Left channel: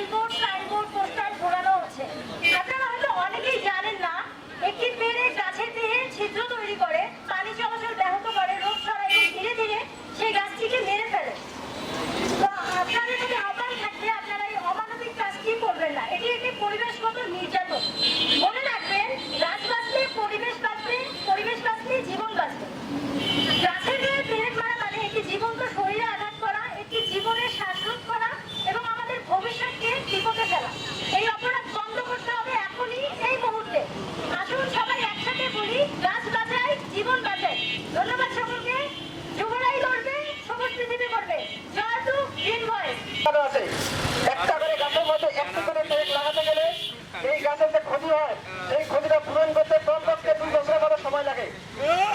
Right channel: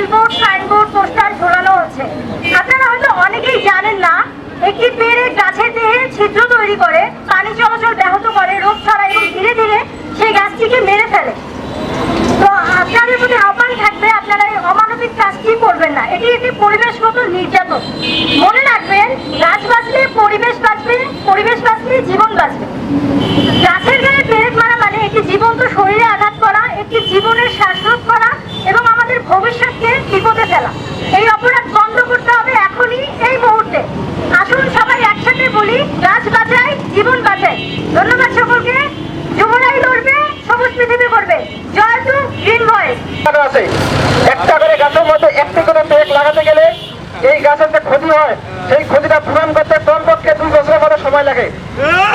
Billboard, signboard, poster ঝোলানো হচ্ছে। আপনারা হয়তো অনেকেই জানেন না, একটি পেড়ে গাছের দেহে ছিদ্র তৈরি করে, পানি চলাচল ব্যাহত করে, রোগ ছড়ায় এবং ধীরে ধীরে সেই গাছটিকে মেরে ফেলে। তো আপনাদের প্রতি আহ্বান থাকবে, আপনারা এই অমানবিক কাজটি করবেন না। এটি একটি পরিবেশগত নির্যাতন। মনে রাখবেন, গাছ বাঁচলে পরিবেশ বাঁচবে, পরিবেশ বাঁচলে জীবন বাঁচবে। গাছের গায়ে পেরেক মারা মানে একটি জীবন্ত শরীরে আঘাত করা, একটি জীবনের শ্বাসরোধ করা এবং আমাদের ভবিষ্যৎকে বিপদে ফেলা। এই অপরাধ বন্ধ করতে হবে এখনই, এই মুহূর্তে। আসুন সবাই একসাথে বলি, গাছ বাঁচাই, জীবন বাঁচাই। ধন্যবাদ সকলকে। যুবরাই লড়বে, সবুজ পৃথিবী করবে। জয় টু গ্রিন ভয়েস। একটা করে গাছের মধ্যে একটি করে পেরেক লাগাতে গেলে এই গাছের যে ক্ষতি হয়, সেই ক্ষতিটা পূরণ করতে কমপক্ষে 2 বছরের মতো সময় লাগে।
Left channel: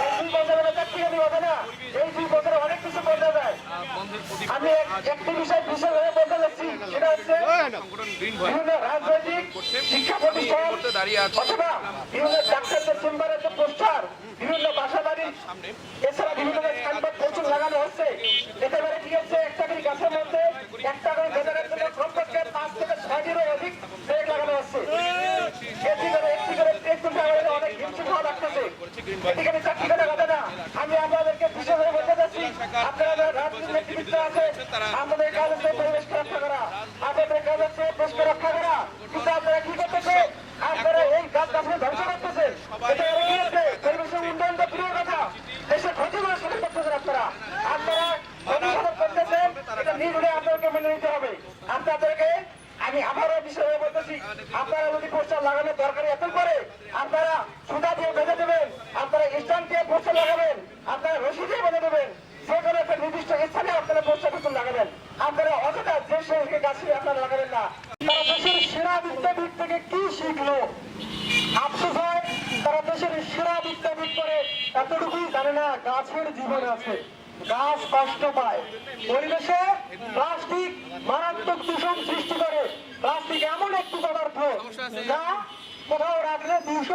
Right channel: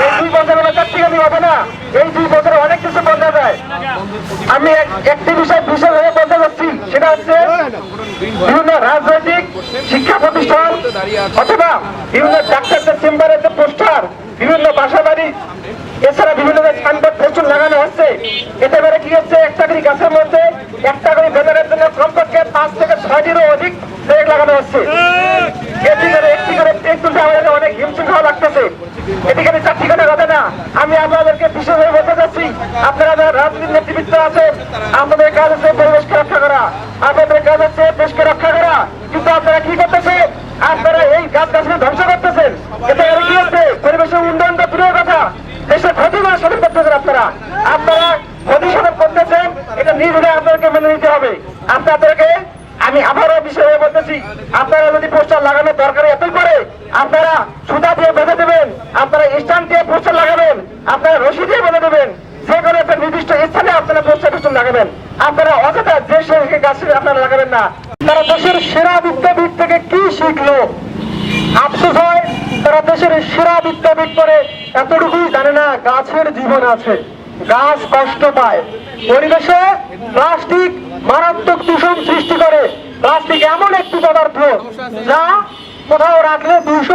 এই 2 বছরের মধ্যে চারটি হবে না, এই 2 বছরে অনেক কিছু বদলে যায়। আমি একটি বিষয় বিশেষভাবে বলতে চাচ্ছি, সেটা হচ্ছে বিভিন্ন রাজনৈতিক শিক্ষা প্রতিষ্ঠান অথবা বিভিন্ন ডাক্তারদের চেম্বারের যে পোস্টার, বিভিন্ন বাসা বাড়ি, এছাড়া বিভিন্ন সাইনবোর্ড প্রচুর লাগানো হচ্ছে। এতে করে কি হচ্ছে, একটা করে গাছের মধ্যে একটা করে ব্যানারের জন্য কমপক্ষে 5 থেকে 6টিরও অধিক পেরেক লাগানো হচ্ছে। একটি করে পেরেক তুলতে আমাদের অনেক হিমশিম খাওয়া লাগতেছে। এদিকে 4টি করে কথা না, আমি আপনাদেরকে বিশেষভাবে বলতে চাচ্ছি, আপনারা যারা রাজনীতির নেতৃত্ব আছেন, আপনাদের কাজ হচ্ছে পরিবেশকে রক্ষা করা, আপনাদের কাজ হচ্ছে দেশকে রক্ষা করা। কিন্তু আপনারা কি করতেছেন? আপনারা এই গাছ গাছকে ধ্বংস করতেছেন। এতে করে কি হচ্ছে, পরিবেশের উন্নয়ন তো দূরের কথা, দেশের ক্ষতি করে সাধন করতেছেন। আপনারা ক্ষতি সাধন করতেছেন, এটা নিজে আপনাদেরকে মেনে নিতে হবে। আপনাদেরকে আমি আবারও বিষয়ে বলতেছি, আপনারা যদি পোস্টার লাগানোর দরকার এতই করে, আপনারা সুতা দিয়ে বেঁধে দেবেন, আপনারা স্ট্যান্ড দিয়ে পোস্টার লাগাবেন, আপনারা রশি দিয়ে বেঁধে দেবেন, যে কোনো একটা নির্দিষ্ট স্থানে আপনারা পোস্টার লাগাবেন। আপনারা অযথা যে সে গাছে আপনারা লাগাবেন না। তারা দেশের সেরা বিদ্যাপীঠ থেকে কি শিখলো? আফসোস হয়, তারা দেশের সেরা বিদ্যাপীঠ করে এতটুকুই জানে না গাছের জীবন আছে, গাছ কষ্ট পায়। পরিবেশে প্লাস্টিক মারাত্মক দূষণ সৃষ্টি করে। প্লাস্টিক এমন একটি পদার্থ যা কোথাও রাখলে 200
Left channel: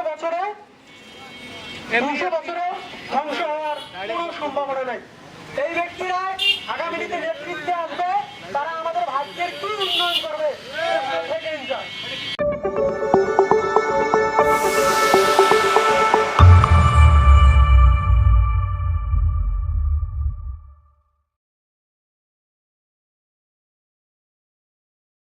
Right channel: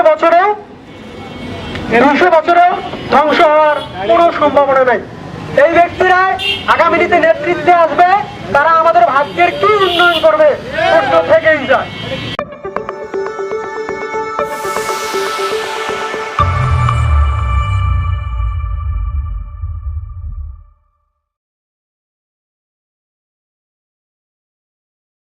বছরেও ধ্বংস হওয়ার কোনো সম্ভাবনা নাই। এই ব্যক্তিরা আগামী দিনে নেতৃত্বে আসবে, তারা আমাদের ভাগ্যের কি উন্নয়ন করবে প্রশ্ন থেকেই যায়।